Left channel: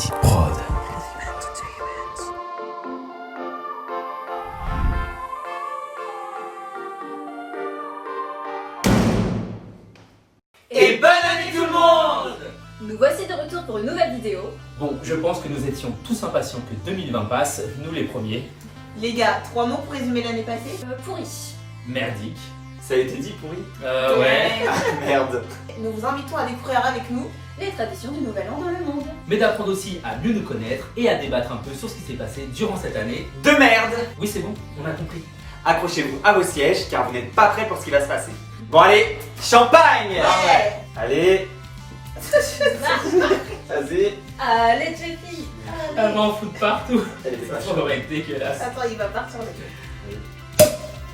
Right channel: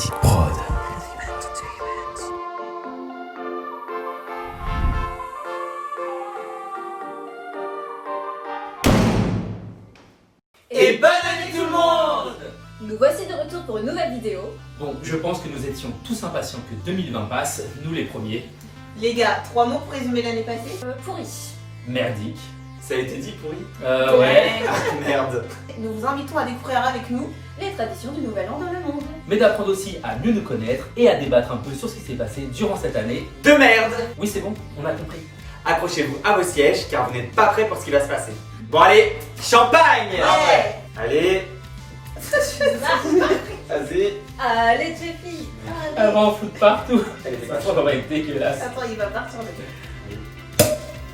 Magic Prod. Et bonne année tout le monde! Nous voici de retour pour une nouvelle vidéo. Bon, je pense que nous étions tous impatients que 2020 passe, nous les premiers. Les gars, 3 mots pour résumer l'année passée? Pourri. Merdique. Ça a été dit pourri? Ouais. Merde. Nous vous invitons à découvrir avec nous Les traditions du Nouvel An dans le monde. Mais d'apprendre aussi à mieux nous connaître et à débattre un peu sur ce qui s'est passé durant cette année. De merde! Oui, c'est bon, on a compris. Accrochez-vous à vos sièges car vous n'êtes pas prêts pour ce qui va se passer. Bon allez, champagne! Ouais. Allez, vas-y. Allez, Jeffy. Elle va en foutre partout. Elle est Ça partie. va être dégueulasse. Attends, il va partir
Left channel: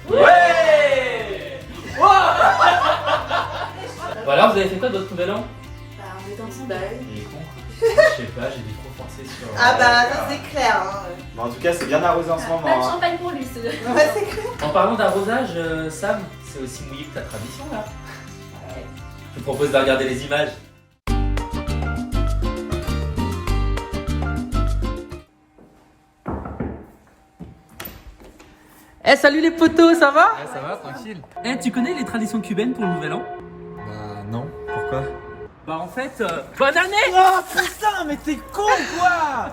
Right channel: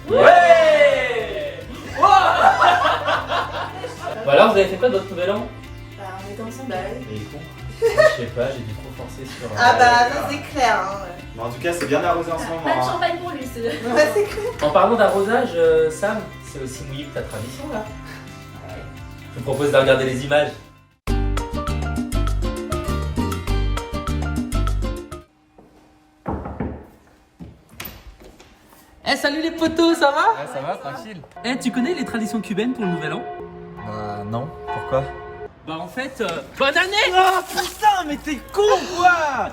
le Ouais! Bon alors, vous avez fait quoi d'autre nouvel an? on était ensemble. Les cons. Je sais pas, j'ai dû trop forcer sur... Ah bah ça c'est clair hein. Bon, en tout cas, c'est bien arrosé en ce moment. Pas de hein. champagne pour lui, c'est Ouais c'est clair. En parlant d'arrosage, Sam, c'est aussi mouillé que ta tradition là. Je te propose de regarder les images. Eh salut les potos, ça va? Ouais, ça va, tranquille. Eh, tu connais les traditions cubaines pour le nouvel an? Bah non, pourquoi? Bah en fait, bonne année! Oh putain, mais t'es con quoi!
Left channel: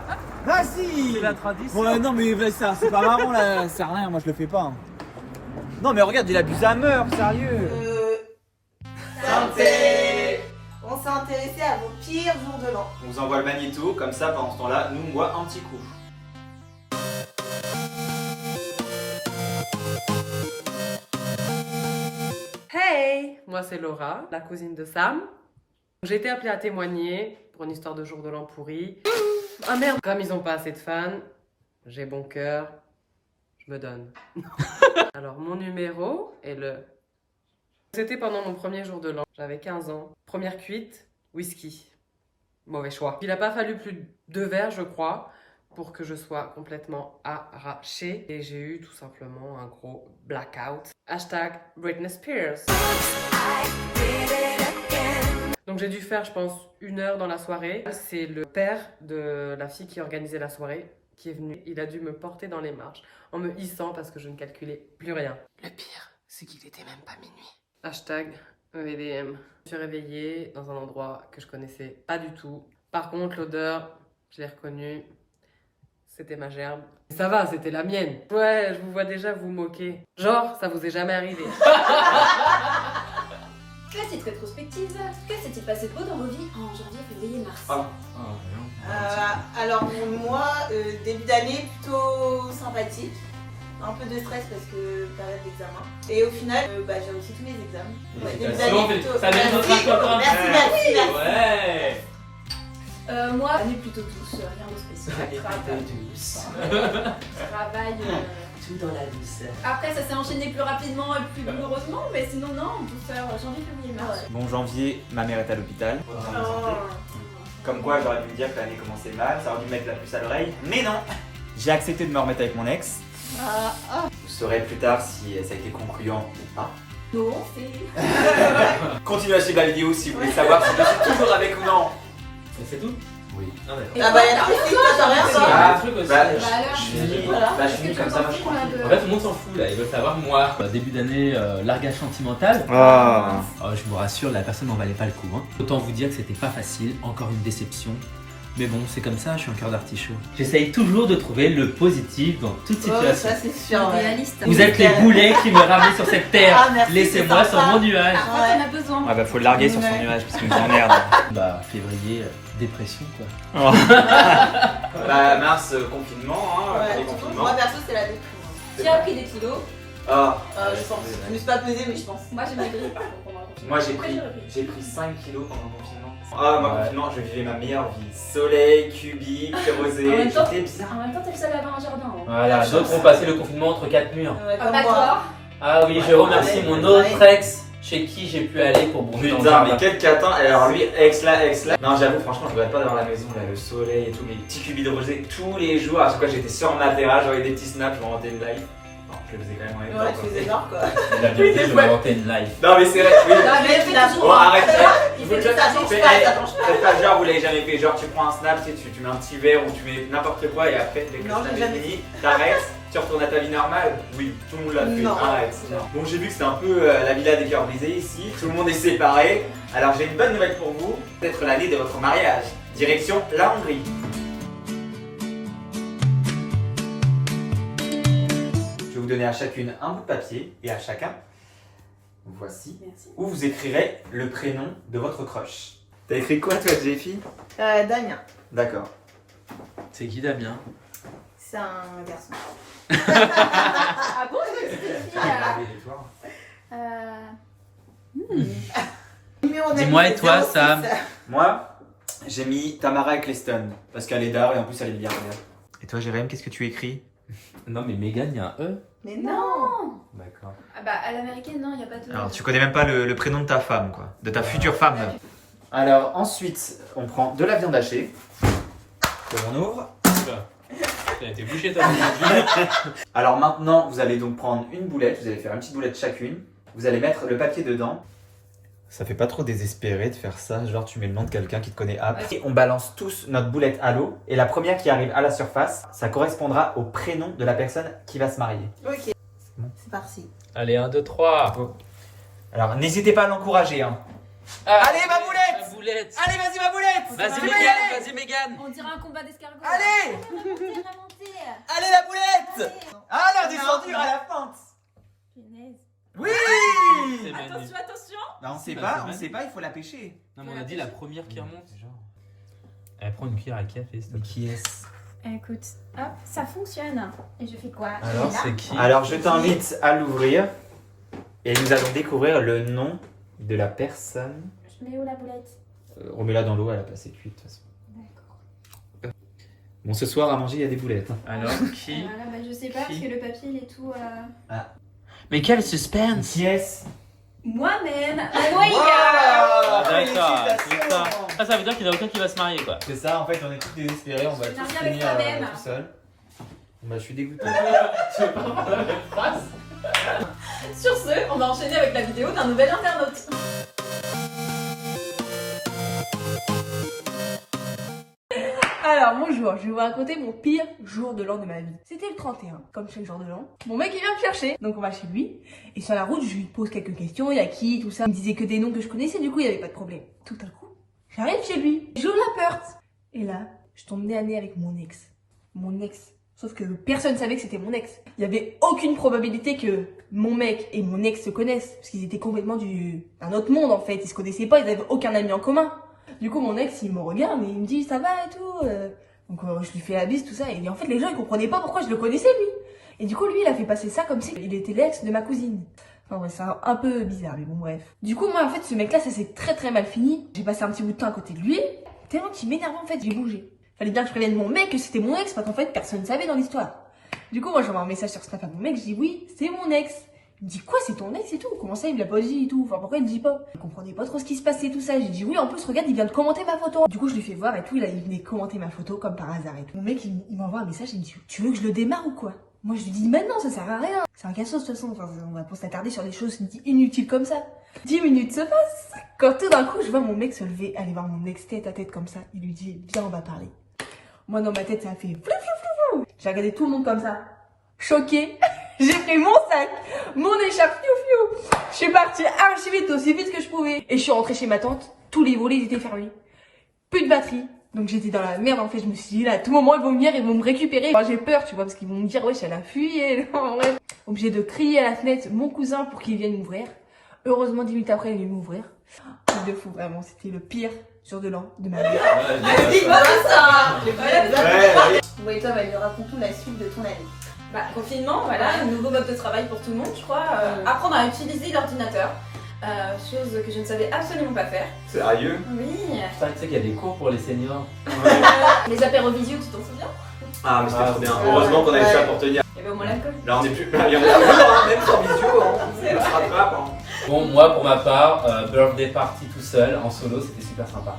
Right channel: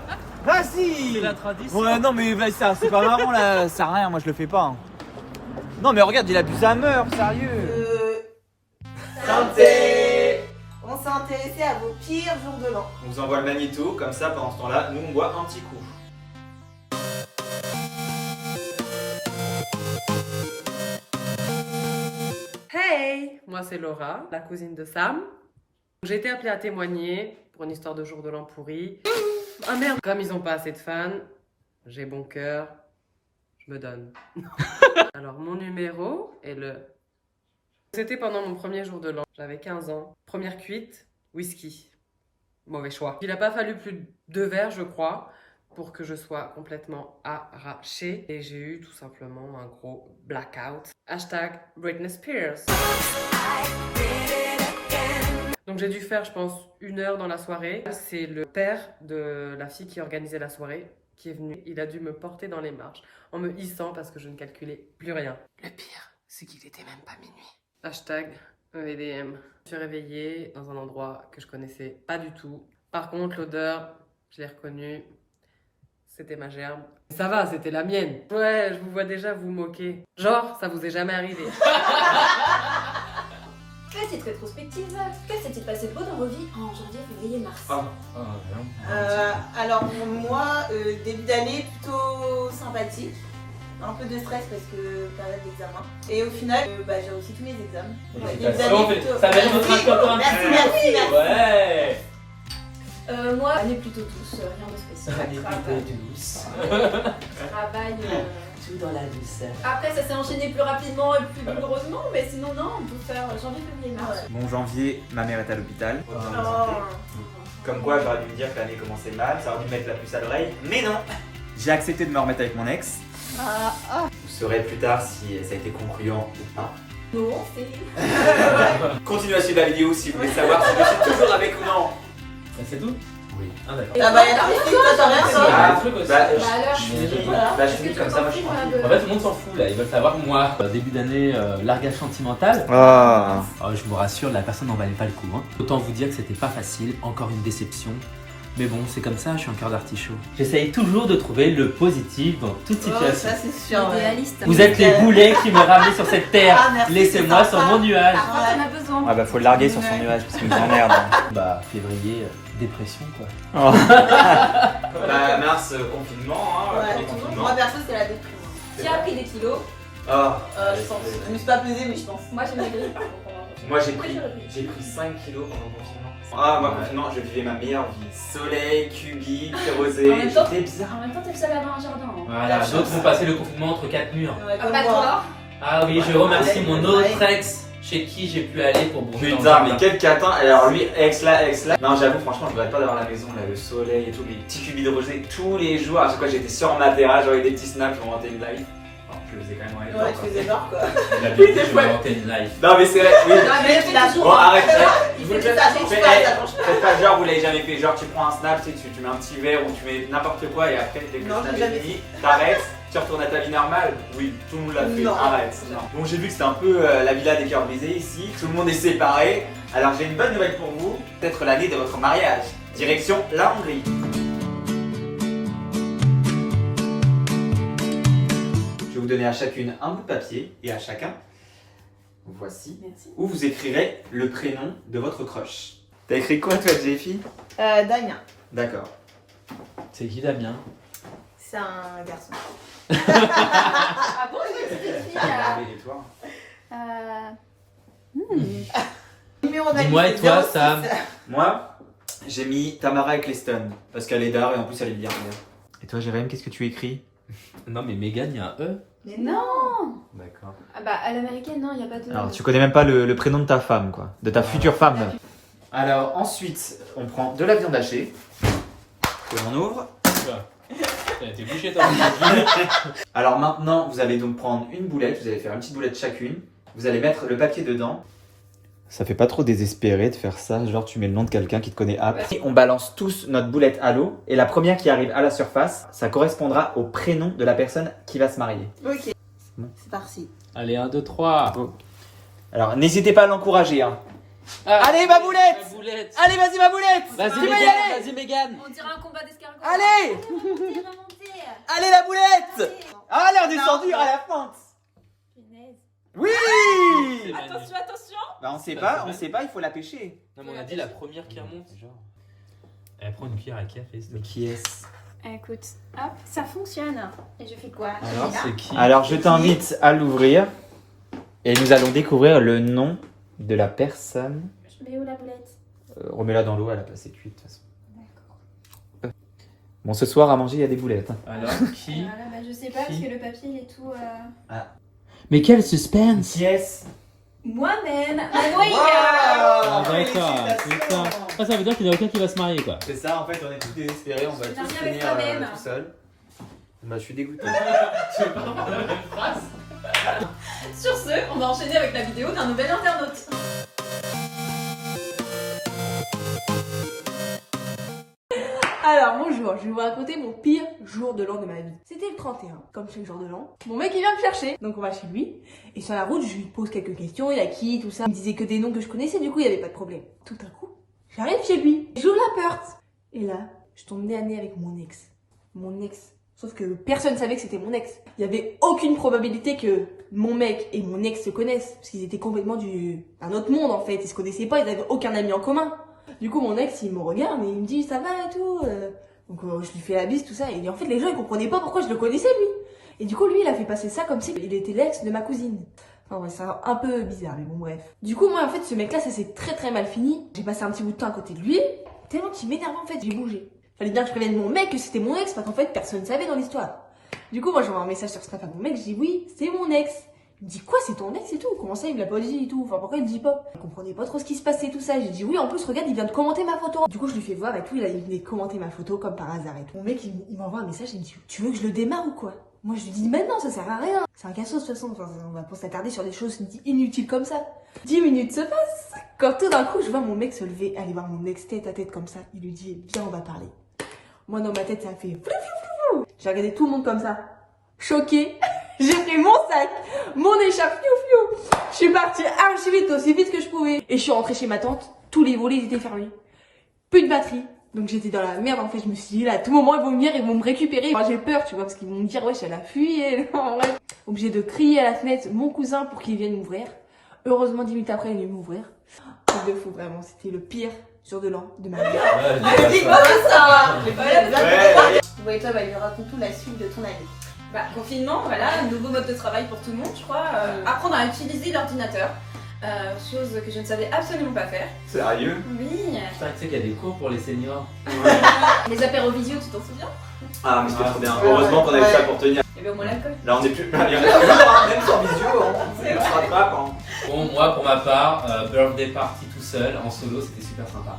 Vas-y! C'est la tradition. Ouais, non mais ça, c'est pas marrant là, ça sert à rien, moi je le fais pas. hein. Non mais regarde, il abuse à mort, sérieux! Santé. On s'est intéressé à vos pires jours de l'an. On vous envoie le magnéto, comme ça pendant ce temps-là, nous on boit un petit coup. Hey, moi c'est Laura, la cousine de Sam. J'ai été appelée à témoigner pour une histoire de jour de l'an pourri. Ah merde, comme ils ont pas assez de fans, j'ai bon cœur, je me donne. Alors mon numéro est le... C'était pendant mon premier jour de l'an, j'avais 15 ans. Première cuite, whisky. Mauvais choix. Il a pas fallu plus de 2 verres, je crois, pour que je sois complètement arrachée. Et j'ai eu tout simplement un gros blackout. Hashtag Britney Spears. Donc j'ai dû faire, je pense, 1 heure dans la soirée. C'est le père de la fille qui organisait la soirée qui est venu. Il a dû me porter dans les marches en me hissant parce que je ne calculais plus rien. Le pire, c'est qu'il était même pas minuit. Hashtag EDM. Je me suis réveillée dans un endroit que je connaissais pas du tout. Par contre, l'odeur, je l'ai reconnue. C'était ma gerbe. Ça va, c'était la mienne. Ouais, je vous vois déjà vous moquer. Genre, ça vous est jamais arrivé. Que cette rétrospective, que s'est-il passé de beau dans vos vies en janvier, février, mars? Alors moi, début d'année plutôt sympathique. Un peu de stress parce que période d'examen. Et au final, j'ai réussi tous mes examens. Ouais, début d'année plutôt. Ça vient de notre Merci, copain. merci. Ouais. Moi, année plutôt douce, rien de spécial. Travail. Tout dans la douceur. Après, ça s'est enchaîné plus rapidement et plus douloureusement, mais sinon, non, on peut faire janvier, février, mars. Bon janvier, ma mère est à l'hôpital. Comme quoi, j'aurais dû me dire que l'année commençait mal, ça aurait dû me mettre la puce à l'oreille, mais non! J'ai accepté de me remettre avec mon ex. Vous saurez plus tard si ça a été concluant ou pas. Non, c'est... Continuez à suivre la vidéo si vous voulez savoir si je suis toujours avec ou non. C'est tout? Oui. Ah d'accord. Ah bah y'a plus toi t'as rien C'est ça. un truc aussi. Bah alors, je finis, voilà. bah, je finis comme ça, moi je suis tranquille. En fait, tout le monde s'en fout là, ils veulent savoir moi. Début d'année, largage sentimental. Ah. Oh, je vous rassure, la personne n'en valait pas le coup. Hein. Autant vous dire que c'était pas facile, encore une déception. Mais bon, c'est comme ça, je suis un cœur d'artichaut. J'essaye toujours de trouver le positif dans toute Oh, situation. ça c'est sûr. Ouais. Réaliste. Vous êtes les boulets qui m'ont ramené sur cette terre. Ah, merci, Laissez-moi c'est sur sympa. mon nuage. Ah, on a besoin. Ah bah faut le larguer sur son nuage parce qu'il nous emmerde. Bah, février, dépression quoi. Bah, mars, confinement, hein, Ouais, premier confinement. moi perso c'est la déprime. Qui a pris des kilos? Ah, Je pense. Je me suis pas pesée mais je pense. Moi, j'ai maigri. moi j'ai pris 5 kilos pendant le confinement. Ah, moi, confinement, je vivais ma meilleure vie. Soleil, cubique, rosé, En même temps- j'étais bizarre. En même temps, t'es le seul à avoir un jardin. Hein. Voilà, d'autres ont passé le confinement entre 4 murs. Ouais, comme Pas moi. toi. Ah oui, je remercie mon autre ex chez qui j'ai pu aller pour bouger dans le Putain, mais jardin. quel catin. Alors lui, ex là. Non, j'avoue, franchement, je ne pas d'avoir la maison, là, le soleil et tout, les petits cubis de rosé tous les jours. À chaque fois, j'étais sur ma terrasse, j'avais des petits snaps, je montais une live. Oh, Je le faisais quand même en Ouais, tu faisais genre quoi. La vérité, je vais inventer une live. Non, mais c'est vrai, oui. Non, mais il a Bon, arrête, il fait que ça change pas, ça change pas. Faites pas genre, vous l'avez jamais fait. Genre, tu prends un snap, tu mets un petit verre ou tu mets n'importe quoi et après, dès que Non, le snap j'ai est jamais fini, t'arrêtes, tu retournes à ta vie normale. Oui, tout le monde l'a fait. Non. Arrête. Donc, j'ai vu que c'est un peu la villa des cœurs brisés ici. Tout le monde est séparé. Alors, j'ai une bonne nouvelle pour vous. Peut-être l'année de votre mariage. Direction la Hongrie. Je vais vous donner à chacune un bout de papier et à chacun, voici, Merci. où vous écrirez le prénom de votre crush. T'as écrit quoi toi, Jeffy? Damien. D'accord. C'est qui Damien? C'est un garçon. Ah bon, je crois que c'était une fille. Dis-moi, et toi, Sam? Moi, j'ai mis Tamara Eccleston parce qu'elle est d'art et en plus elle est bien. Et toi, Jérém, qu'est-ce que tu écris? Non, mais Megan, il y a un E. Mais non. D'accord. Ah bah, à l'américaine, non, il n'y a pas de. Alors, tu connais même pas le prénom de ta femme, quoi, de ta future femme. Alors, ensuite, on prend de la viande hachée que l'on ouvre. T'as été bouché, toi. Alors maintenant, vous allez donc prendre une boulette, vous allez faire une petite boulette chacune. Vous allez mettre le papier dedans. Ça fait pas trop désespéré de faire ça, genre tu mets le nom de quelqu'un qui te connaît après. On balance tous notre boulette à l'eau et la première qui arrive à la surface, ça correspondra au prénom de la personne qui va se marier. Ok. C'est parti. Allez, 1, 2, 3. Alors n'hésitez pas à l'encourager. Hein. Allez ma boulette, Allez vas-y ma boulette. Vas-y, Tu vas y Megan, aller. vas-y, Megan. On dirait un combat d'escargots. Allez Remontez. Allez la boulette. Allez on descend dur à la pente. Punaise. Oui. Attention, attention. Bah, on sait pas, il faut la pêcher. Non, mais on a dit la première qui remonte. Elle prend une cuillère à café, s'il te plaît. Qui est-ce? Écoute, hop, ça fonctionne. Et je fais quoi? Alors, c'est qui? Alors, je t'invite à l'ouvrir et nous allons découvrir le nom de la personne. Je mets où la boulette? Remets-la dans l'eau, elle a passé cuite de toute façon. D'accord. Bon, ce soir à manger, il y a des boulettes. Hein. Alors, qui? Alors là, bah, je sais pas parce que le papier il est tout. Mais quel suspense! Qui est-ce? Moi-même! Ah, d'accord. Ça veut dire qu'il n'y a aucun qui va se marier, quoi. C'est ça, en fait, on est tous désespérés, on va Je tous n'arrive avec finir toi-même. tout seul. Bah, je suis dégoûté. Sur ce, on va enchaîner avec la vidéo d'un nouvel internaute. Alors bonjour, je vais vous raconter mon pire jour de l'an de ma vie. C'était le 31, comme chaque jour de l'an. Mon mec il vient me chercher, donc on va chez lui. Et sur la route, je lui pose quelques questions, il y a qui, tout ça. Il me disait que des noms que je connaissais, du coup il n'y avait pas de problème. Tout à coup, j'arrive chez lui, j'ouvre la porte. Et là, je tombe nez à nez avec mon ex. Mon ex. Sauf que personne savait que c'était mon ex. Il n'y avait aucune probabilité que mon mec et mon ex se connaissent. Parce qu'ils étaient complètement d'un autre monde en fait. Ils se connaissaient pas, ils n'avaient aucun ami en commun. Du coup, mon ex, il me regarde et il me dit ça va et tout. Donc, je lui fais la bise, tout ça. Et en fait, les gens, ils comprenaient pas pourquoi je le connaissais, lui. Et du coup, lui, il a fait passer ça comme si il était l'ex de ma cousine. Enfin, ouais, c'est un peu bizarre, mais bon, bref. Du coup, moi, en fait, ce mec-là, ça s'est très très mal fini. J'ai passé un petit bout de temps à côté de lui. Tellement qu'il m'énervait, en fait, j'ai bougé. Fallait bien que je prévienne mon mec que c'était mon ex, parce qu'en fait, personne ne savait dans l'histoire. Du coup, moi, j'envoie un message sur Snap à mon mec, je dis oui, c'est mon ex. Il me dit quoi, c'est ton ex et tout? Comment ça, il me l'a pas dit et tout? Enfin, pourquoi il me dit pas? Je comprenais pas trop ce qui se passait tout ça. J'ai dit oui, en plus, regarde, il vient de commenter ma photo. Du coup, je lui fais voir et tout, il venait commenter ma photo comme par hasard et tout. Mon mec, il m'envoie un message, il me dit tu veux que je le démarre ou quoi? Moi, je lui dis maintenant, ça sert à rien. C'est un cassos de toute façon, enfin, on va pas s'attarder sur des choses inutiles comme ça. 10 minutes se passent. Quand tout d'un coup, je vois mon mec se lever, aller voir mon ex tête à tête comme ça. Il lui dit viens, on va parler. Moi, dans ma tête, ça a fait flou, flou, flou, flou. J'ai regardé tout le monde comme ça. Choquée. J'ai pris mon sac, mon écharpe, fiou fiou. Je suis partie archi vite, aussi vite que je pouvais. Et je suis rentrée chez ma tante. Tous les volets étaient fermés. Plus de batterie. Donc j'étais dans la merde en fait. Je me suis dit là, à tout moment ils vont venir, ils vont me récupérer. Enfin, j'ai peur, tu vois, parce qu'ils vont me dire wesh, elle a fui. Bref. Obligée de crier à la fenêtre mon cousin pour qu'il vienne m'ouvrir. Heureusement 10 minutes après, il est venu m'ouvrir. Truc de fou, vraiment. C'était le pire jour de l'an de ma vie. Bon, et toi, Valérie, raconte-nous la suite de ton année. Bah, confinement, voilà, nouveau mode de travail pour tout le monde, je crois. Apprendre à utiliser l'ordinateur, chose que je ne savais absolument pas faire. Sérieux? Oui. Putain, tu sais qu'il y a des cours pour les seniors. Les apéros visio, tu t'en souviens? Ah, mais c'était trop bien. Heureusement qu'on avait ça pour tenir. Et ben au moins l'alcool. Là, on est plus. Il y en a plus, hein, même sans visio, on se rattrape. Hein. Bon, moi, pour ma part, birthday party tout seul, en solo, c'était super sympa.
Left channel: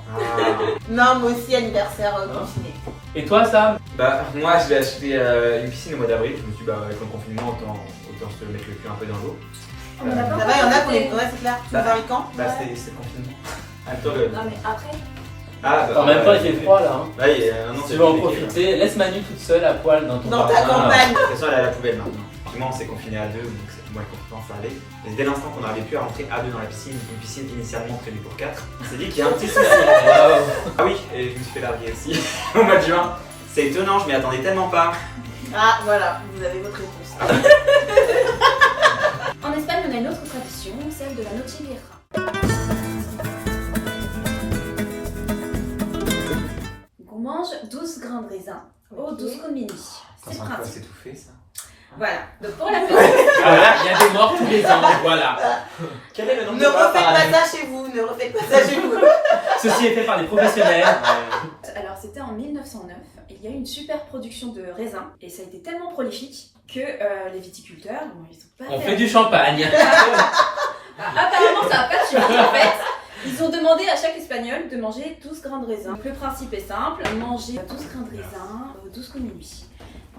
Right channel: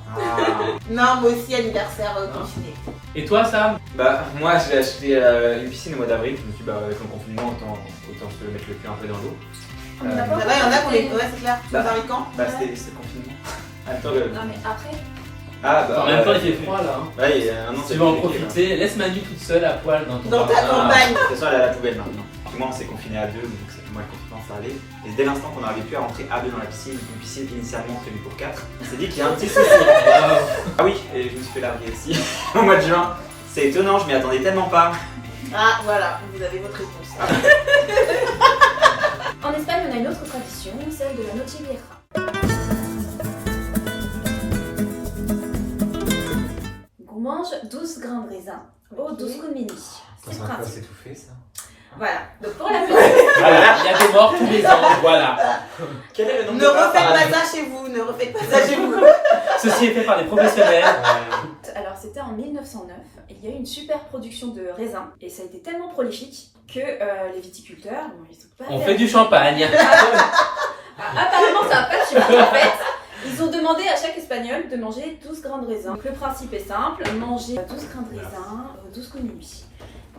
Non, moi aussi, anniversaire confiné. Et toi, Sam? Bah, moi, je vais acheter une piscine au mois d'avril. Je me suis dit, bah, avec le confinement, autant se mettre le cul un peu dans l'eau. On en a pas Ça va, il y en a encore qu'on les. fait. Ouais, c'est clair. Tu Bah, nous invites quand? Bah c'est le confinement. Attends le. Non mais après. Ah bah En même temps, il fait froid là. Hein. Ouais, il y a un an, Tu vas en profiter. Laisse Manu toute seule à poil dans ton Dans ta jardin. campagne. De toute façon, elle est à la poubelle maintenant. Moi, on s'est confiné à deux, donc moi, le confinement s'arrivait. Et dès l'instant qu'on n'arrivait plus à rentrer à deux dans la piscine, une piscine initialement prévue pour 4, on s'est dit qu'il y a un petit souci. Ah oui, et je me suis fait larguer aussi au mois de juin. C'est étonnant, je m'y attendais tellement pas. Ah, voilà, vous avez votre réponse. En Espagne, on a une autre tradition, celle de la Noche Vieja. On mange 12 grains de raisin au 12 coups de minuit. C'est le C'est quoi, principe. c'est tout fait ça? Voilà. Donc pour la fête. Voilà, il y a des morts tous les ans, voilà. Quel est le nombre Ne refaites pas ça chez vous, ne refaites pas ça chez vous. Ceci est fait par des professionnels. Alors c'était en 1909, il y a eu une super production de raisins et ça a été tellement prolifique que les viticulteurs, bon, ils sont pas On fait du champagne. apparemment ça n'a pas suffi en fait. Ils ont demandé à chaque espagnol de manger 12 grains de raisin. Donc le principe est simple, manger 12 grains de raisin au 12 coups de minuit.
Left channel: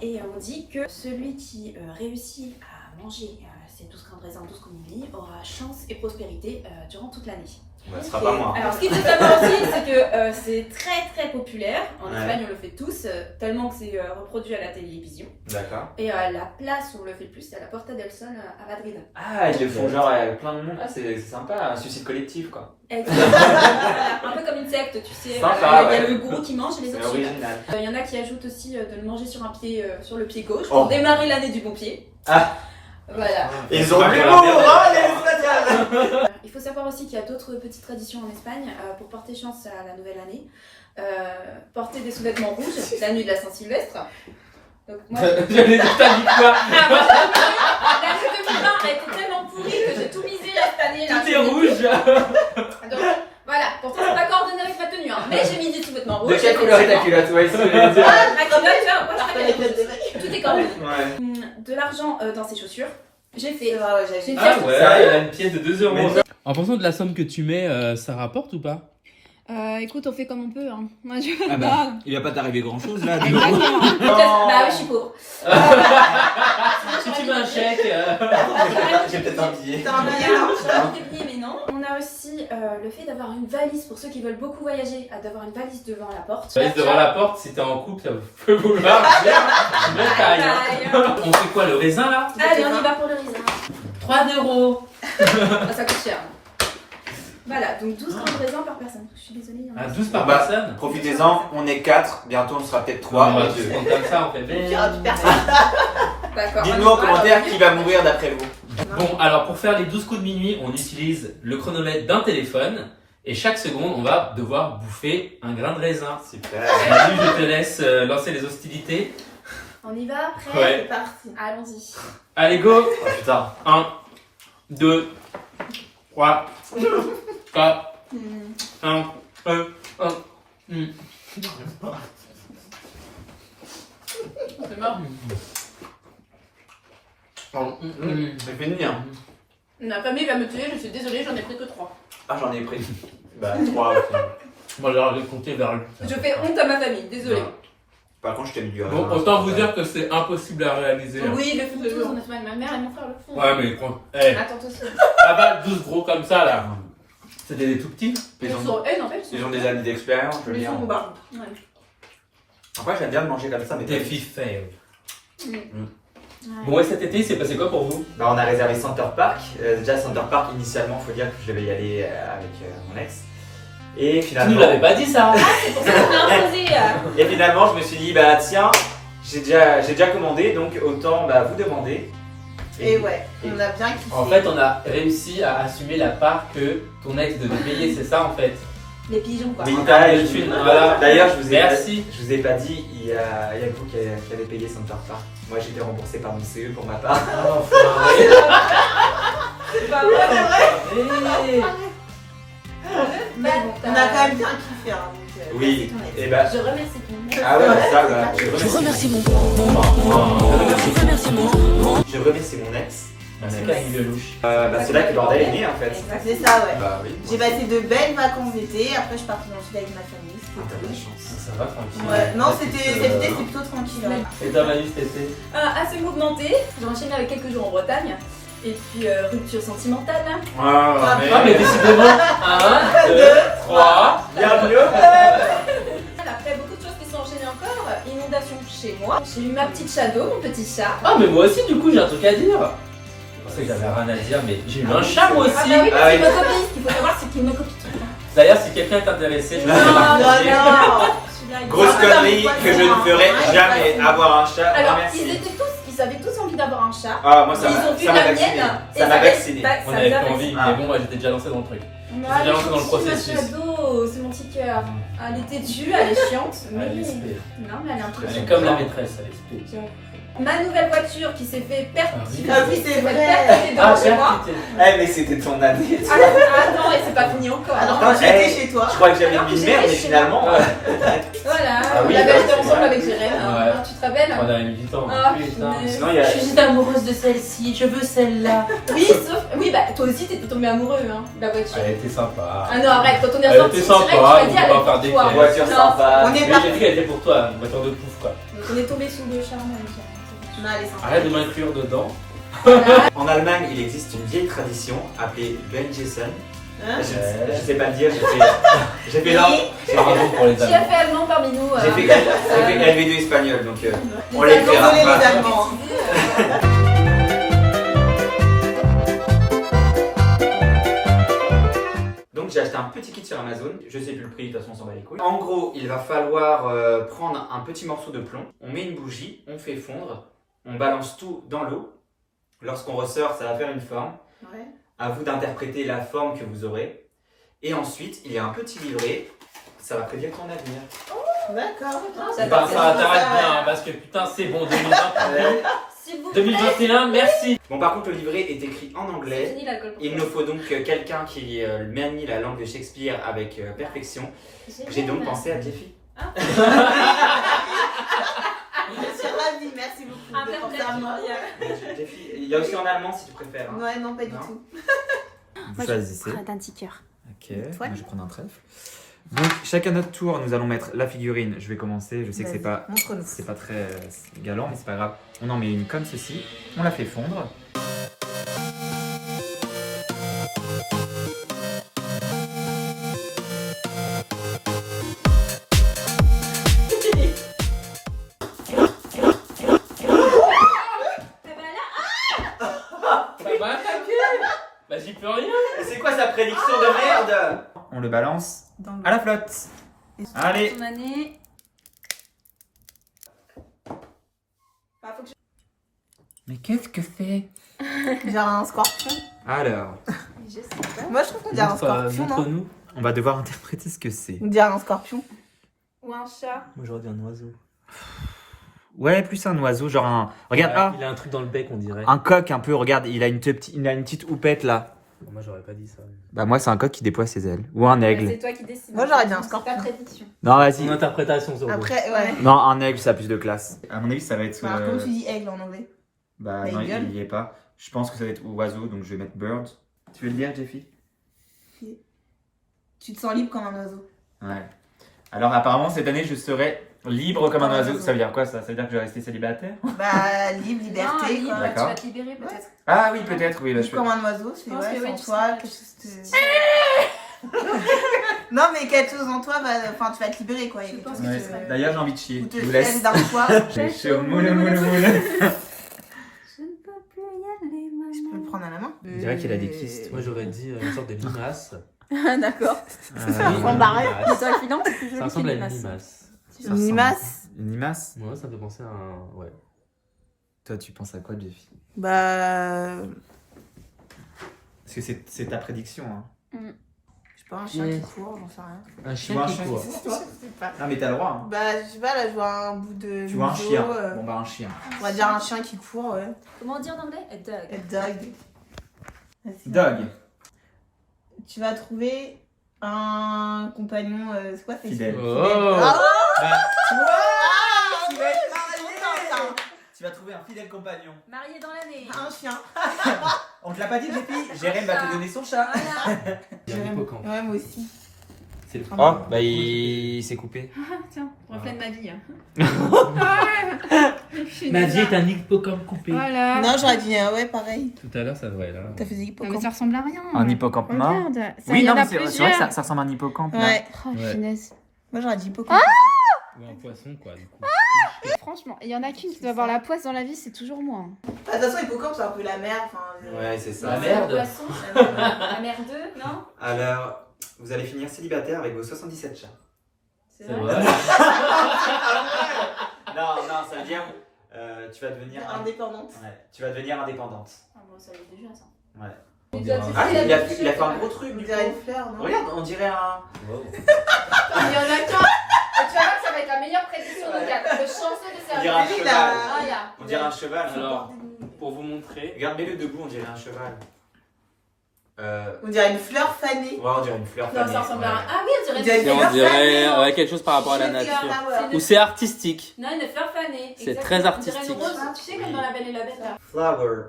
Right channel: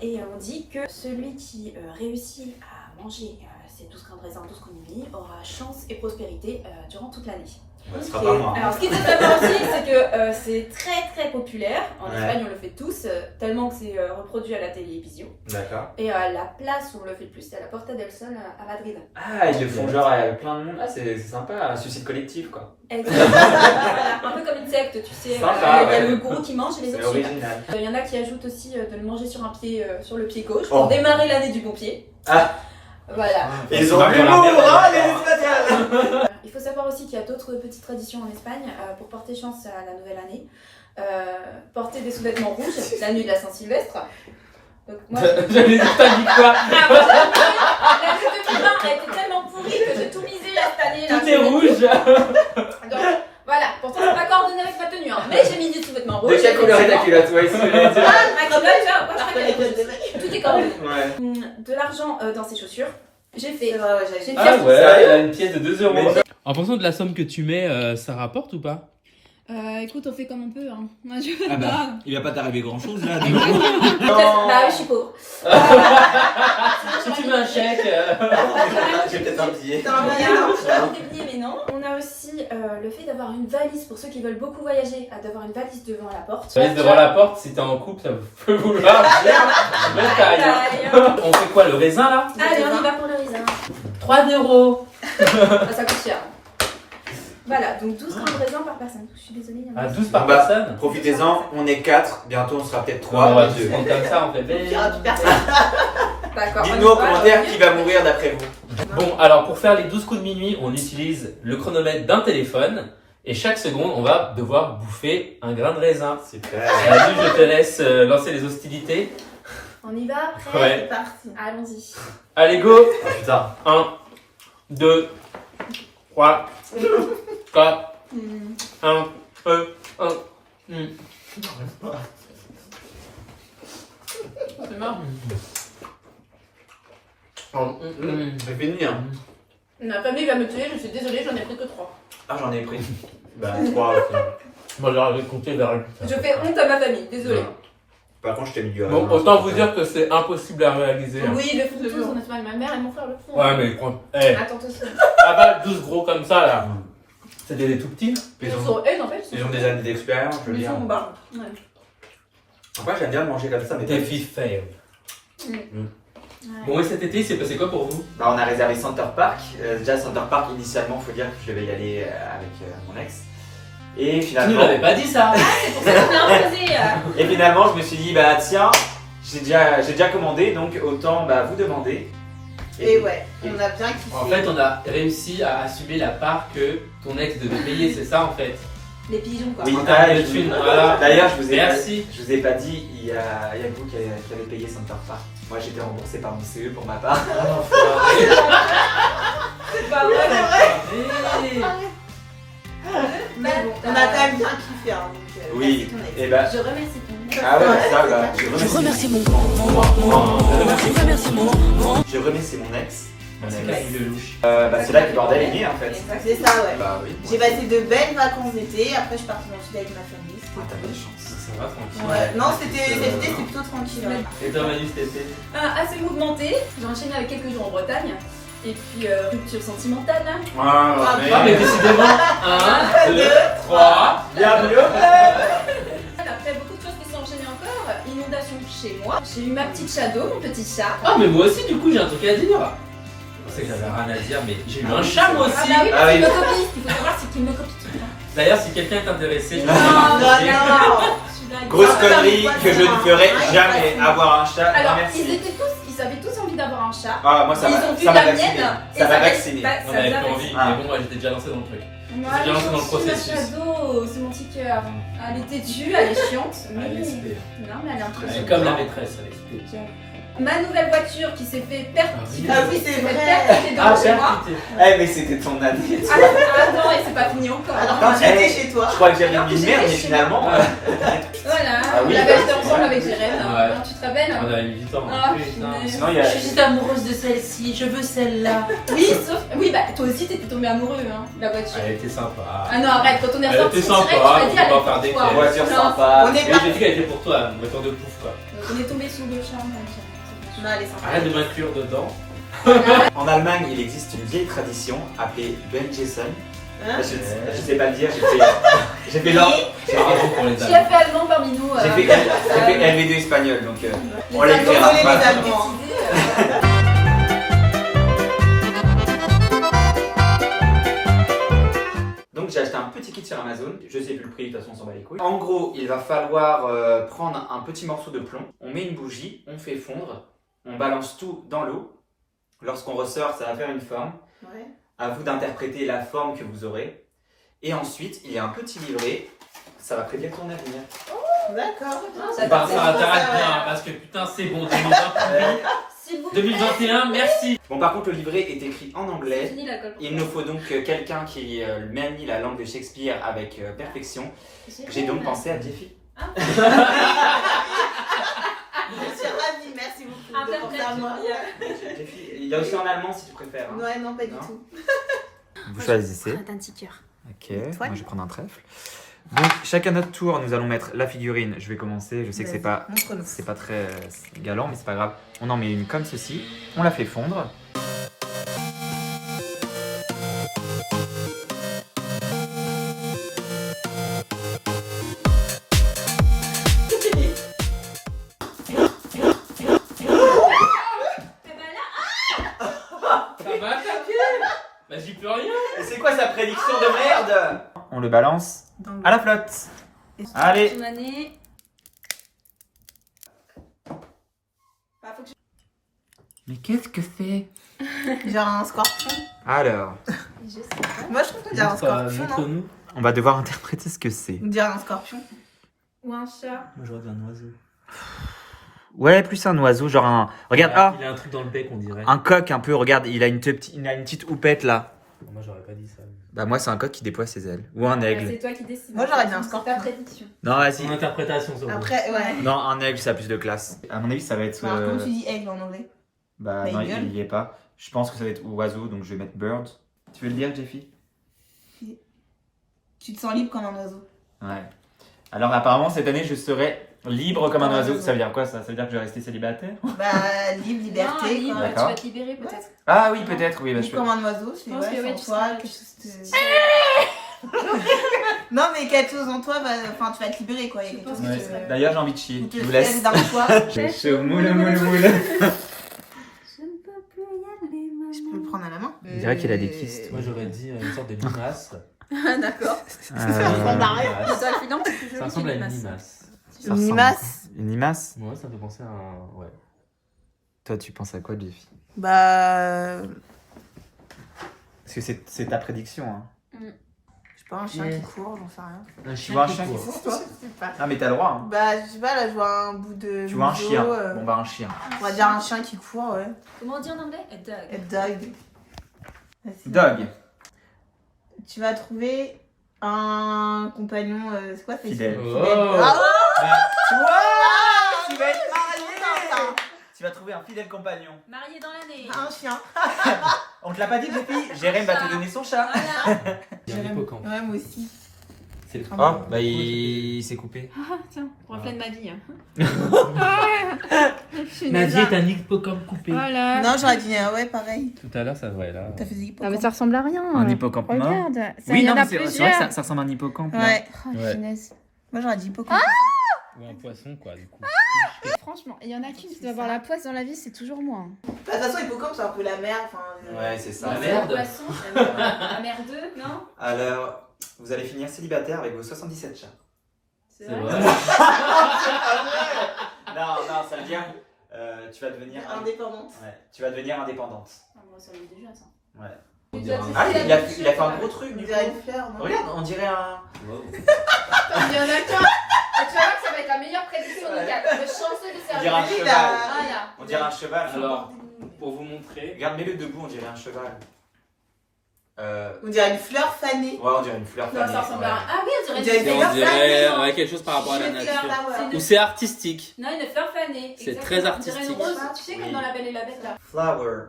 Et on dit que celui qui réussit à manger ces 12 grains de raisin au 12 coups de minuit aura chance et prospérité durant toute l'année. Bah, ce sera pas moi. Alors ce qui est totalement aussi, c'est que c'est très très populaire. En Ouais. Espagne, on le fait tous, tellement que c'est reproduit à la télévision. D'accord. Et la place où on le fait le plus, c'est à la Porta del Sol à Madrid. Ah, ils le font genre à plein de monde. Ah, c'est sympa, un suicide collectif quoi. Voilà, un peu comme une secte, tu sais. Sympa, Il y a ouais. le gourou qui mange et les C'est autres suivent. original. Il y en a qui ajoutent aussi de le manger sur un pied, sur le pied gauche, Oh. pour démarrer l'année du bon pied. Ah. Voilà. Et ils ont bu l'humour, hein, les Espagnols. Il faut savoir aussi qu'il y a d'autres petites traditions en Espagne pour porter chance à la nouvelle année. Porter des sous-vêtements rouges, la nuit de la Saint-Sylvestre. Donc moi, J'avais pas dit quoi. l'année 2020 a été tellement pourrie que j'ai tout misé cette année. Là. Tout est rouge. Donc voilà, pourtant c'est pas coordonné avec ma tenue, hein. Mais j'ai mis des sous-vêtements rouges. De quelle couleur est ta culotte? Ouais, c'est ce que j'allais dire. Ah, comme là, tu vois, moi, je fais tout est coordonné. Ouais. De l'argent dans ses chaussures. J'ai fait. C'est vrai, ouais, J'ai j'ai une Ah pièce. ouais, Sérieux elle a une pièce de 2 euros. Mais- En fonction de la somme que tu mets, ça rapporte ou pas? Écoute, on fait comme on peut. Hein. Ah bah, il va pas t'arriver grand chose là. Bah oui, je suis pauvre. Si tu mets un chèque. J'ai peut-être un billet. T'as un billet, Non, non? je rajoute des billets, mais non. On a aussi le fait d'avoir une valise pour ceux qui veulent beaucoup voyager, d'avoir une valise devant la porte. Tu restes devant la porte, si t'es en couple, ça peut vouloir dire le taille. Hein. On fait quoi, le raisin là? Allez, on y va pour le raisin. 3 euros. Ah, ça coûte cher. Voilà, donc 12 grammes de raisin par personne. Je suis désolée. À 12 par Bah, personne. Profitez-on, on est 4, bientôt on sera peut-être On 3 va ou tous 2. prendre comme ça, on fait Il y aura plus personne. D'accord. Dites-nous en commentaire qui va mourir d'après vous. Bon, alors pour faire les 12 coups de minuit, on utilise le chronomètre d'un téléphone. Et chaque seconde, on va devoir bouffer un grain de raisin. Super. Manu, je te laisse lancer les hostilités. On y va, prêt? Ouais. C'est parti. Allons-y. Allez, go. Oh putain. 1, 2, 3, 4, 1, 1. C'est mort. C'est fini hein. Ma famille va me tuer, je suis désolée, j'en ai pris que 3. Ah j'en ai pris. Bah 3 au final. Bon, alors, je vais compter vers lui. Je fais honte à ma famille, désolée. Par contre je t'ai mis du Bon, raisin. autant vous dire que c'est impossible à réaliser. Hein. Oui, le font tous en Espagne. Ma mère et mon frère le font. Ouais, mais prends. Eh, Attends, aussi. ah bah, 12 gros comme ça là. C'était des tout petits. Ils Ils ont, sont en fait. ils ont des années d'expérience, je veux Ils dire. sont bas. Ouais. Après j'aime bien de manger comme ça, mais Des filles fail. Ouais. Bon, et cet été, c'est passé quoi pour vous? bah, on a réservé Center Park. Déjà Center Park initialement, faut dire que je devais y aller avec mon ex. Et Tu nous finalement, l'avais pas dit ça. C'est pour ça qu'on a imposé. et finalement je me suis dit bah tiens, j'ai déjà commandé donc autant bah, vous demander. Et ouais, on a bien kiffé. En fait, on a réussi à assumer la part que ton ex devait payer, c'est ça en fait. Les pigeons, quoi. Oui, Ah, je de vous- thunes, voilà. D'ailleurs, je Merci. vous ai pas dit, il y a vous qui avez payé Center Park. Moi, j'étais remboursé par mon CE pour ma part. C'est pas vrai. Mais bon, on a quand même bien kiffé. Hein, donc, Oui, merci ton ex. et bah. Je remercie ton ex. Ah ouais, ça, bah. Je remercie mon Je remercie mon ex. C'est pas une louche. Bah, c'est là que le bordel est né en fait. C'est ça, ouais. Bah oui. J'ai passé de belles vacances d'été. Après, je suis partie dans le sud avec ma famille. t'as de la chance. Ça va tranquille. Ouais. Non, cet été, c'était plutôt tranquille. Ouais. Et toi, Manu, cet été? Assez mouvementé. J'ai enchaîné avec quelques jours en Bretagne. Et puis rupture sentimentale. Ah, mais décidément. 1, 2, 3. Bienvenue. Après, beaucoup de choses qui sont enchaînées encore. Inondation chez moi. J'ai eu ma petite Shadow, mon petit chat. Ah, mais moi aussi, du coup, j'ai un truc à dire. Je sais que j'avais rien à dire, mais j'ai eu un chat moi aussi. Ah bah oui, Ah parce oui. qu'il me copie. Ce qu'il faut savoir, c'est qu'il me copie tout le temps. D'ailleurs, si quelqu'un est intéressé, je Non, vais non, vous Je blague. Grosse Ah, connerie putain, que je ne ferai ouais, jamais ouais. avoir un chat. Alors, Merci. ils avaient tous envie d'avoir un chat. Ah, moi ça Ils m'a ont vu ça m'a la vacciné. mienne. et Ça m'a les- vacciné. bah, On ça avait les a plus envie, vaccinés. Ah. mais bon, moi j'étais déjà lancé dans le truc. Moi, J'ai elle est lancé dans le gentille, ma processus. Shadow, c'est mon petit cœur. Elle est têtue, elle est chiante, mais Allez, c'était- non, mais elle est un peu. C'est comme la maîtresse, elle est super. Ma nouvelle voiture qui s'est fait perdre. Ah oui, c'est vrai. Ah, chez moi. Eh, mais c'était ton année. Ah non, et c'est pas fini encore. Alors, hein. quand j'étais chez toi. Je crois que j'avais Alors que mis une merde, j'étais mais chez finalement. moi. Voilà, Ah oui, on avait bah, acheté ensemble avec Jérém. Ouais. Tu te rappelles On avait mis du temps. Ah, Putain. punaise. Sinon, il y a. Je suis amoureuse de celle-ci, je veux celle-là. Oui, sauf. Oui, bah toi aussi t'étais tombé amoureux, hein, de la voiture. Elle était sympa. Ah non, arrête, quand on est Elle ressorti, était c'est vrai que tu sympa, m'as on dit peut pas avec faire des toi. faits. Voiture Non, sympa. On est Oui, pas. j'ai dit qu'elle était pour toi, une voiture de pouf quoi. Donc on est tombé sous le charme. Non, elle est sympa. Arrête de m'inclure dedans. En Allemagne, il existe une vieille tradition appelée Benjessen. Hein Je sais pas le dire, j'ai fait genre. Bravo pour les Qui a amis. fait allemand parmi nous J'ai fait LV2 espagnol, donc on les Allemands, verra désolé, pas. les Allemands. Donc j'ai acheté un petit kit sur Amazon, je sais plus le prix, de toute façon on s'en bat les couilles. En gros, il va falloir prendre un petit morceau de plomb, on met une bougie, on fait fondre, on balance tout dans l'eau. Lorsqu'on ressort, ça va faire une forme. Ouais. À vous d'interpréter la forme que vous aurez. Et ensuite, il y a un petit livret, ça va prédire ton avenir. D'accord. Ça Bah, t'intéresse ça pas, m'intéresse ça, bien, ouais. parce que putain, c'est bon, 2021. S'il vous plaît. 2021, merci. Bon, par contre, le livret est écrit en C'est anglais. fini l'alcool pour Il toi. nous faut donc quelqu'un qui manie la langue de Shakespeare avec perfection. J'ai donc pensé à Jeffy. Je suis ravie, merci beaucoup. Un de fair penser play, à moi. Jeffy, il y a aussi en allemand si tu préfères. hein. Ouais, non, pas du Non. tout. Vous choisissez. Un petit cœur. Ok, moi je vais prendre un trèfle. Donc chacun notre tour, nous allons mettre la figurine. Je vais commencer, je sais que c'est pas très galant, mais c'est pas grave. On en met une comme ceci, on la fait fondre. Ça va attaquer. Bah, j'y peux rien. Et c'est quoi sa prédiction de merde? On le balance à la flotte. Allez. Une année. Mais qu'est-ce que c'est? Genre un scorpion. Alors, Moi, je trouve qu'on dirait un scorpion, non? Montre-nous. on va devoir interpréter ce que c'est. On dirait un scorpion. Ou un chat. Moi, j'aurais dit un oiseau. Ouais, plus un oiseau, genre un... Regarde, Ouais, ah, il a un truc dans le bec, on dirait. un coq un peu, regarde, il a une petite houppette là. Moi, j'aurais pas dit ça. Bah moi c'est un coq qui déploie ses ailes. Ou un aigle. C'est toi qui décides. Moi, j'aurais dit un C'est scorpion. ta prédiction. Non, vas-y. Son interprétation, sur Après, ouais. Non, un aigle, ça a plus de classe. À mon avis, ça va être. Alors, comment tu dis aigle en anglais? Bah Bah, non, il gueule. il y est pas. Je pense que ça va être oiseau, donc je vais mettre bird. Tu veux le dire, Jeffy? Tu te sens libre comme un oiseau. Ouais. Alors apparemment, cette année, je serai libre comme un Comme un oiseau. oiseau. Ça veut dire quoi ça? Ça veut dire que je vais rester célibataire? Bah, libre, liberté, Non, quoi. libre, tu D'accord. vas te libérer peut-être. Ah oui, peut-être, oui. Bah, je Libre peux... comme un oiseau, c'est Je pense ouais, que c'est en oui, tu toi, seras- quelque chose te... Non, mais quelque chose en toi, enfin, tu vas te libérer, quoi. Il y a quelque chose Ouais. qui te... D'ailleurs, j'ai envie de chier. ou te Je vous laisse laisse. d'un soir. J'ai chaud, moule, moule, moule. Je ne peux plus y aller, maman. Je peux le prendre à la main? On dirait qu'il a des kystes. Moi, j'aurais dit une sorte de limace. D'accord. prend barré. Mais toi, finalement, c'est plus joli Ça que ressemble à les une masses. limace. Ça ressemble- limace? Une limace? Moi, ça me fait penser à un. Ouais. Toi, tu penses à quoi, Jeffy? Bah... Parce que c'est ta prédiction. Hein. Je sais pas, un chien qui court, j'en sais rien. Un Tu vois un chien qui court. court? Je sais pas. Non, mais t'as le droit. Hein. Bah, je sais pas, là, je vois un bout de... Tu vois un museau, chien. Bon, bah, un chien. On va dire un chien qui court, ouais. Comment on dit en anglais? A dog. A dog. Vas-y. Dog. Tu vas trouver un compagnon, c'est quoi? Fidèle. Oh. Ah, Bah, tu vas être marié, Tu vas trouver un fidèle compagnon. Marié dans l'année. un chien. On te l'a pas dit, Jeffy? Jérém va te donner son chat. Voilà. il y a un hippocampe. Ouais, moi aussi. Oh, bah il s'est coupé. Tiens, reflet de ma vie. Ma vie est un hippocampe coupé. Voilà. Non, j'aurais dit ouais, pareil. Tout à l'heure, ça devrait là. T'as fait des Non, mais hippocampes. ça ressemble à rien. Un hippocampe mort. Regarde, ça, Oui, il y non, en mais a c'est vrai plusieurs. que ça ressemble à un hippocampe. là. Ouais. Oh, Ouais. finesse. Moi, j'aurais dit hippocampe. Ou un poisson, quoi, du coup. Franchement, il y en a qu'une qui doit avoir la poisse dans la vie, c'est toujours moi. De toute façon, hippocampe, c'est un peu la mer. Enfin, Ouais, c'est ça. La merde. Poisson, la merdeux, non? Alors, vous allez finir célibataire avec vos 77 chats. c'est C'est vrai. vrai. Non, ça veut dire tu vas devenir Indépendante. Ouais, tu vas devenir indépendante. Ah, bon, ça l'est déjà, ça. Ouais. On dirait un- Ah, il a fait un gros truc. On du dirait coup. une fleur, non? Regarde, on dirait un. Wow. Il y en a qu'un. Et tu vas voir que ça va être la meilleure prédiction de 4. Le chanceux de On service. dirait un Lui, il cheval. a- Voilà. On dirait un cheval. Alors, pour vous montrer, Regarde, mets-le debout, on dirait un cheval. On dirait une fleur fanée. Ouais, on dirait une fleur Non, fanée. ça ressemble à Ouais. un. Ah oui, on On dirait dirait une une on fleur fanée. dirait quelque chose par rapport à la Jupiter nature. flower. Ou c'est artistique. Non, une fleur fanée. C'est exactement. très On dirait artistique. une rose, tu sais, Oui. comme dans La Belle et la Bête, là. Flower.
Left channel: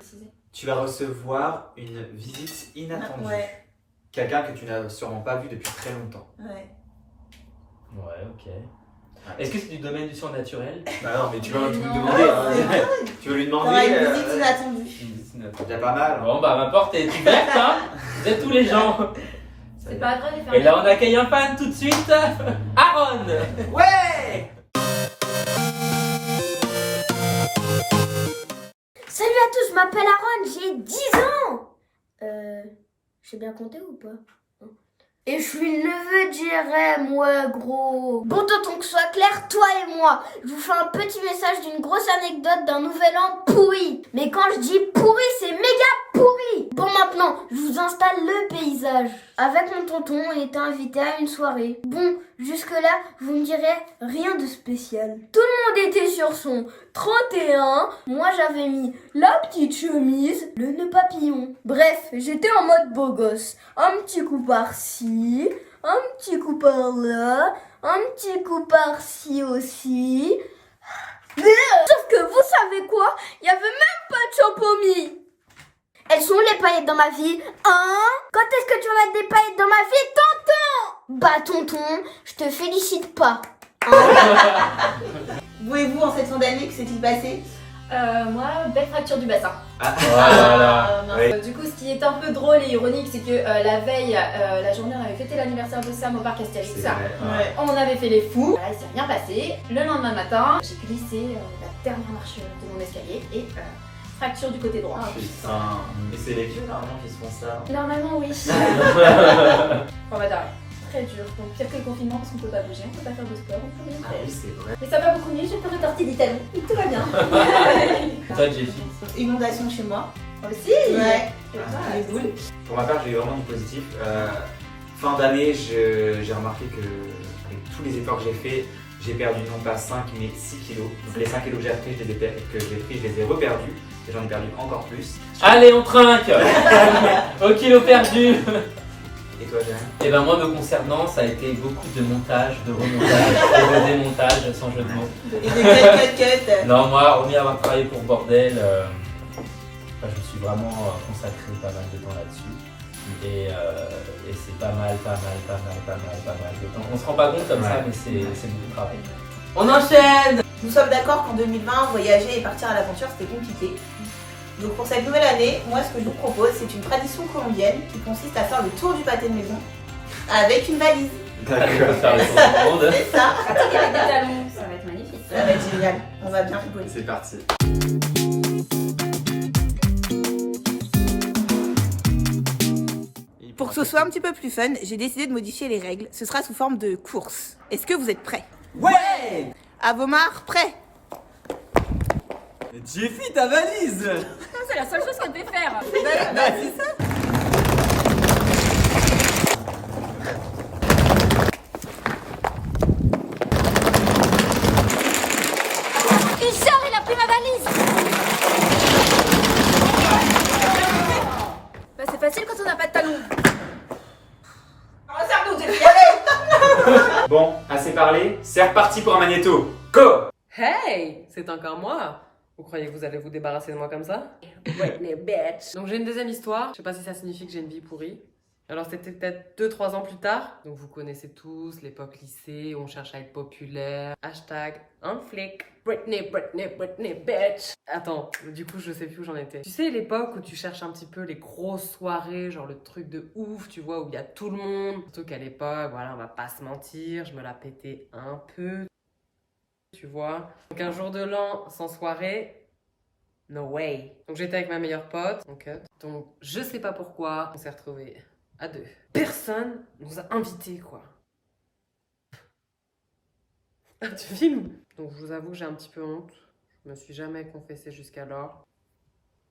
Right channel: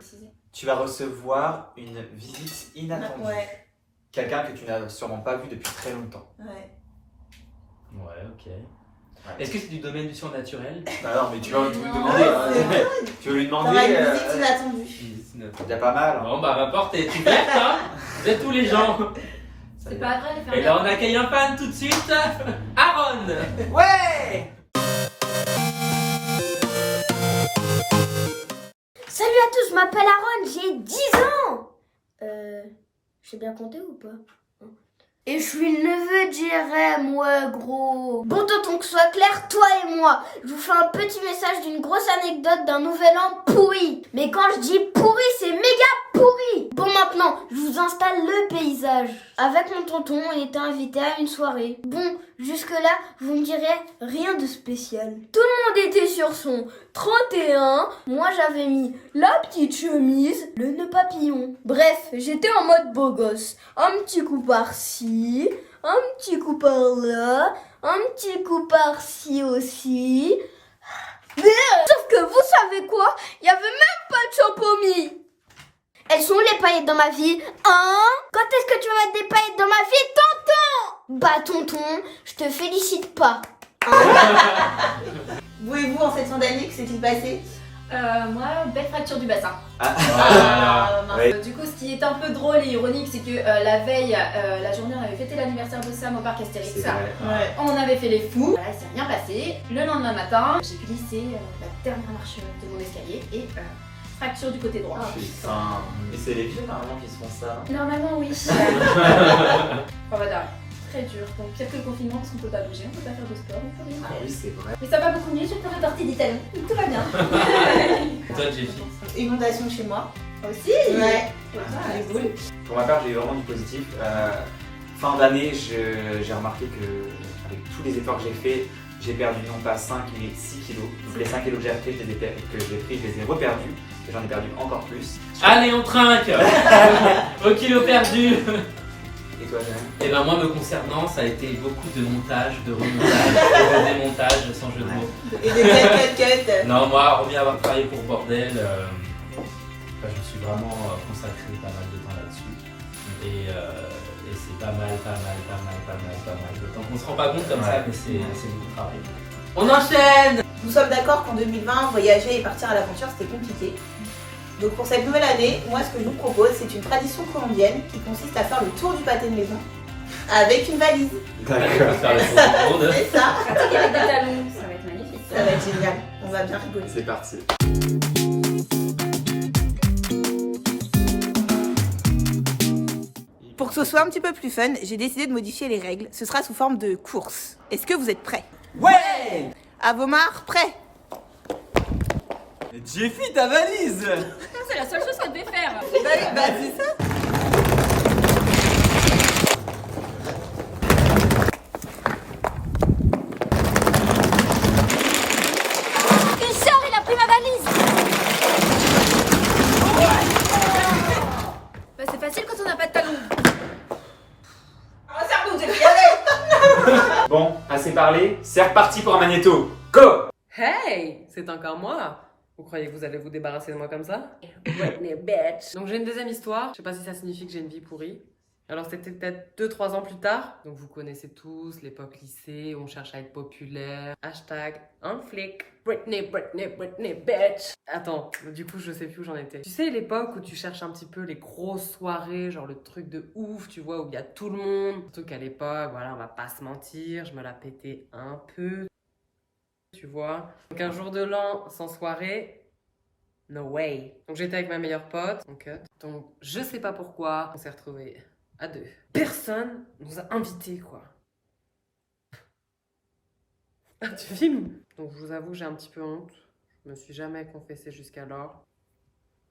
Tu vas recevoir une visite inattendue. Ouais, Quelqu'un que tu n'as sûrement pas vu depuis très longtemps. ouais. Ouais, ok. Est-ce que c'est du domaine du surnaturel? Non, mais tu vas lui Non. demander. C'est hein. Tu veux lui demander. T'auras une visite inattendue. Il y a pas mal. hein. Bon, bah, ma porte est ouverte, hein. Vous êtes tous les gens. C'est pas grave, Et là, on accueille un fan tout de suite. Aaron. Ouais. Salut à tous, je m'appelle Aaron, j'ai 10 ans. J'ai bien compté ou pas? Et je suis le neveu d'Irem, ouais gros. Bon, tonton, que ce soit clair, toi et moi, je vous fais un petit message d'une grosse anecdote d'un nouvel an pourri. Mais quand je dis pourri, c'est méga pourri. Bon, maintenant, je vous installe le paysage. Avec mon tonton, on était invité à une soirée. Bon, jusque-là, vous me direz rien de spécial. Tout le monde était sur son 31. Moi, j'avais mis la petite chemise, le nœud papillon. Bref, j'étais en mode beau gosse. Un petit coup par-ci, un petit coup par-là, un petit coup par-ci aussi. Sauf que vous savez quoi? Il y avait même pas de champomis. Elles sont où les paillettes dans ma vie? Hein? Quand est-ce que tu vas mettre des paillettes dans ma vie, tonton? Bah tonton, je te félicite pas. Vous et vous, en cette fin d'année, que s'est-il passé? Moi, belle fracture du bassin. Voilà. Oui. Du coup, ce qui est un peu drôle et ironique, c'est que la veille, la journée, on avait fêté l'anniversaire de Sam au parc Astérix. C'est vrai. Ouais. On avait fait les fous. Voilà, il s'est rien passé. Le lendemain matin, j'ai glissé la dernière marche de mon escalier et fracture du côté droit. Putain. Mais c'est les vieux normalement qui se font ça. hein. Normalement, oui. On va d'arrêt. Très dur. Donc, pire que le confinement parce qu'on peut pas bouger, on peut pas faire de sport, on peut rien Ah faire. oui, c'est vrai. Mais ça va beaucoup mieux, j'ai fait rétorter des talons. Tout va bien. Toi, Jessie. Inondation chez moi. Aussi. Ouais. Les boules. Pour ma part, j'ai eu vraiment du positif. Fin d'année, j'ai remarqué que avec tous les efforts que j'ai faits, j'ai perdu non pas 5 mais 6 kilos. Donc les 5 kilos que j'ai pris, je les ai reperdus. Et j'en ai perdu encore plus. Allez, on trinque. Au kilo perdu. Et toi, Jeanne? Et ben moi, me concernant, ça a été beaucoup de montage, de remontage, de démontage, sans jeu de mots. Et des cut. Non, moi, hormis avoir travaillé pour Bordel, je suis vraiment consacré pas mal de temps là-dessus. Et c'est pas mal de temps. On se rend pas compte comme ça, mais c'est beaucoup de travail. On enchaîne. Nous sommes d'accord qu'en 2020, voyager et partir à l'aventure, c'était compliqué. Donc pour cette nouvelle année, moi ce que je vous propose, c'est une tradition colombienne qui consiste à faire le tour du pâté de maison avec une valise. Allez, on va faire le tour du monde. C'est ça, Avec des talons, ça va être magnifique. ça va être génial. On va bien rigoler. C'est parti. Pour que ce soit un petit peu plus fun, j'ai décidé de modifier les règles. Ce sera sous forme de course. Est-ce que vous êtes prêts? Ouais. Avomar, prêt? Jeffy, ta valise. C'est la seule chose qu'elle devait faire. Bah c'est ça. Il sort, il a pris ma valise. Bah, c'est facile quand on n'a pas de talons. Bon, assez parlé. C'est reparti pour un magnéto. Go. Hey, c'est encore moi. Vous croyez que vous allez vous débarrasser de moi comme ça? Whitney bitch. Donc j'ai une deuxième histoire. Je sais pas si ça signifie que j'ai une vie pourrie. Alors c'était peut-être 2-3 ans plus tard, donc vous connaissez tous l'époque lycée, où on cherche à être populaire, hashtag un flic, Britney, Britney, Britney, bitch. Attends, du coup je sais plus où j'en étais. Tu sais l'époque où tu cherches un petit peu les grosses soirées, genre le truc de ouf, tu vois, où il y a tout le monde. Surtout qu'à l'époque, voilà, on va pas se mentir, je me la pétais un peu, tu vois. Donc un jour de l'an sans soirée, no way. Donc j'étais avec ma meilleure pote, donc je sais pas pourquoi, on s'est retrouvés à 2. Personne nous a invités, quoi. Ah, tu filmes? Donc je vous avoue que j'ai un petit peu honte. Je me suis jamais confessée jusqu'alors.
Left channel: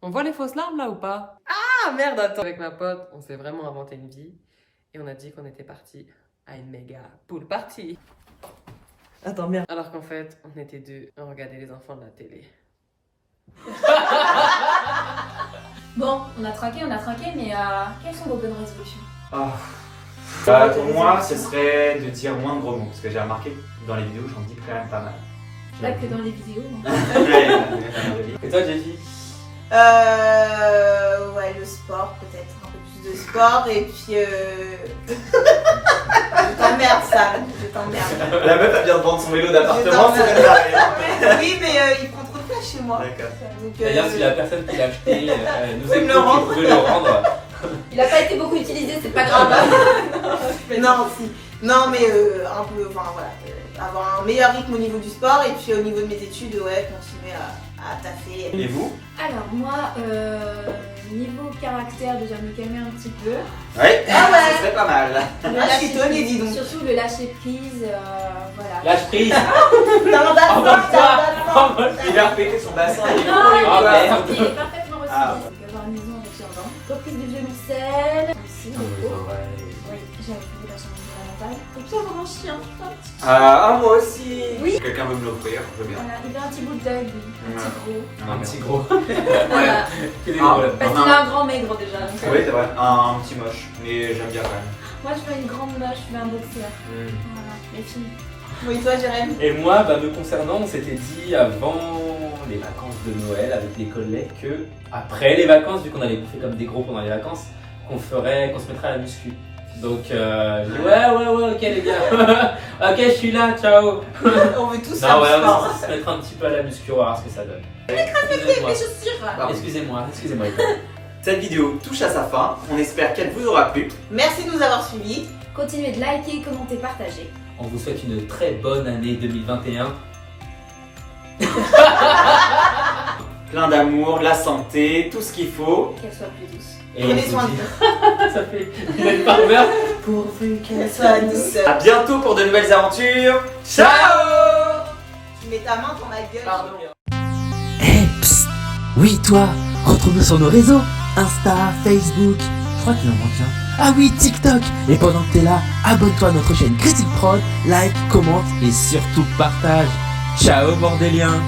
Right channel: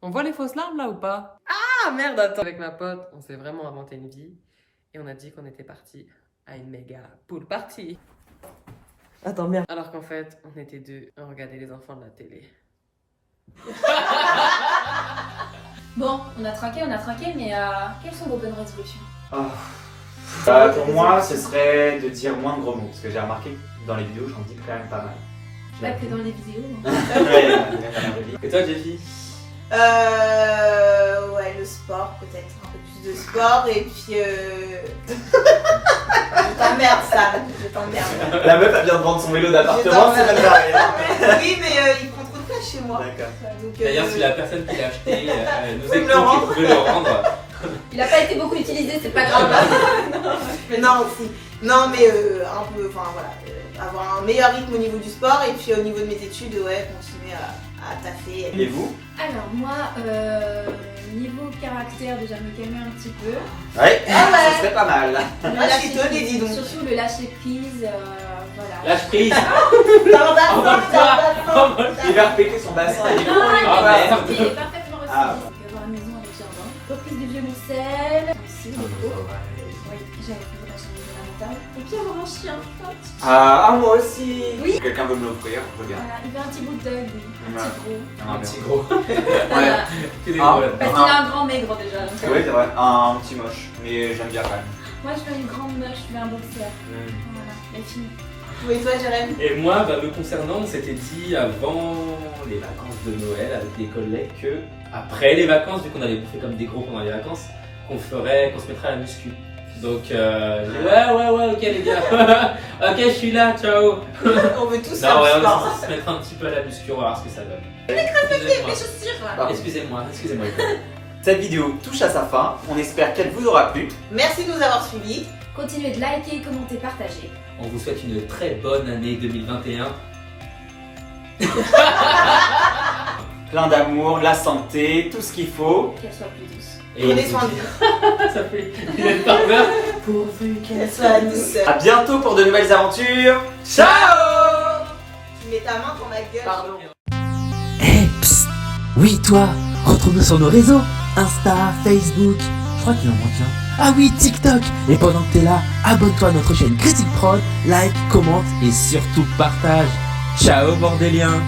On voit les fausses larmes là ou pas? Ah merde, attends. Avec ma pote, on s'est vraiment inventé une vie. Et on a dit qu'on était parti à une méga pool party. Attends, merde. Alors qu'en fait, on était 2 à regarder les enfants de la télé. Bon, on a trinqué, mais quelles sont vos bonnes résolutions? Pour moi, ce serait de dire moins de gros mots. Parce que j'ai remarqué que dans les vidéos, j'en dis quand même pas mal. Pas que dans les vidéos. Et toi, Jessie? Ouais, le sport, peut-être. Un peu plus de sport. Et puis. Je t'emmerde, Sam. Je t'emmerde. La meuf, elle vient de vendre son vélo d'appartement. Je c'est t'emmerde. Oui, mais il prend trop de place chez moi. D'accord. Donc, D'ailleurs, si la personne qui l'a acheté nous Faut me écoute, le rendre. vous pouvez le rendre. Il a pas été beaucoup utilisé, c'est pas grave. Mais non, si. Non, mais un peu, enfin voilà, avoir un meilleur rythme au niveau du sport et puis au niveau de mes études, ouais, continuer à taffer. Et vous? Alors moi, niveau caractère, déjà me calmer un petit peu. Ouais, Ah ouais. ça serait pas mal. Ah, je suis étonnée, dis donc. Surtout le lâcher prise, voilà. Lâche prise. T'as un bassin, t'as un bassin. Il va repéter son bassin. Non, Ah, merde. il est parfaitement reçu. Ah. Donc avoir une maison avec jardin. Reprise du violoncelle. Aussi, beaucoup. Oui, j'avais fait la chambre fondamentale. Et puis avoir un chien. Ah, moi aussi. Oui. Si quelqu'un veut me l'offrir, je veux bien. Voilà, il veut un petit bulldog, un petit gros. Un petit gros. Voilà. Que des Ah. gros. Parce qu'il a un grand maigre déjà. Donc, Oui, c'est vrai. Un petit moche, mais j'aime bien quand même. moi je veux une grande moche, je veux un boxer. Voilà, les filles. Oui, toi, Jérém. Et moi, me concernant, on s'était dit avant les vacances de Noël avec les collègues que après les vacances, vu qu'on avait fait comme des gros pendant les vacances, qu'on se mettrait à la muscu. Donc ouais, ok les gars, ok je suis là, ciao. On veut tous faire Non, du ouais, sport. on va se mettre un petit peu à la muscu, on va voir ce que ça donne. Mes chaussures. Excusez-moi. Cette vidéo touche à sa fin. On espère qu'elle vous aura plu. Merci de nous avoir suivis. Continuez de liker, commenter, partager. On vous souhaite une très bonne année 2021. Plein d'amour, de la santé, tout ce qu'il faut. Qu'elle soit plus douce. Et Prenez on soin vous de dit- vous. Ça fait une partenaire. Qu'elle soit douce. À bientôt pour de nouvelles aventures. Ciao. Tu mets ta main dans ma gueule. Pardon. Eh, psst. Oui, toi, retrouve-nous sur nos réseaux. Insta, Facebook, je crois qu'il en manque un. Ah oui, TikTok. Et pendant que t'es là, abonne-toi à notre chaîne Critique Prod, like, commente et surtout partage. Ciao, bordéliens.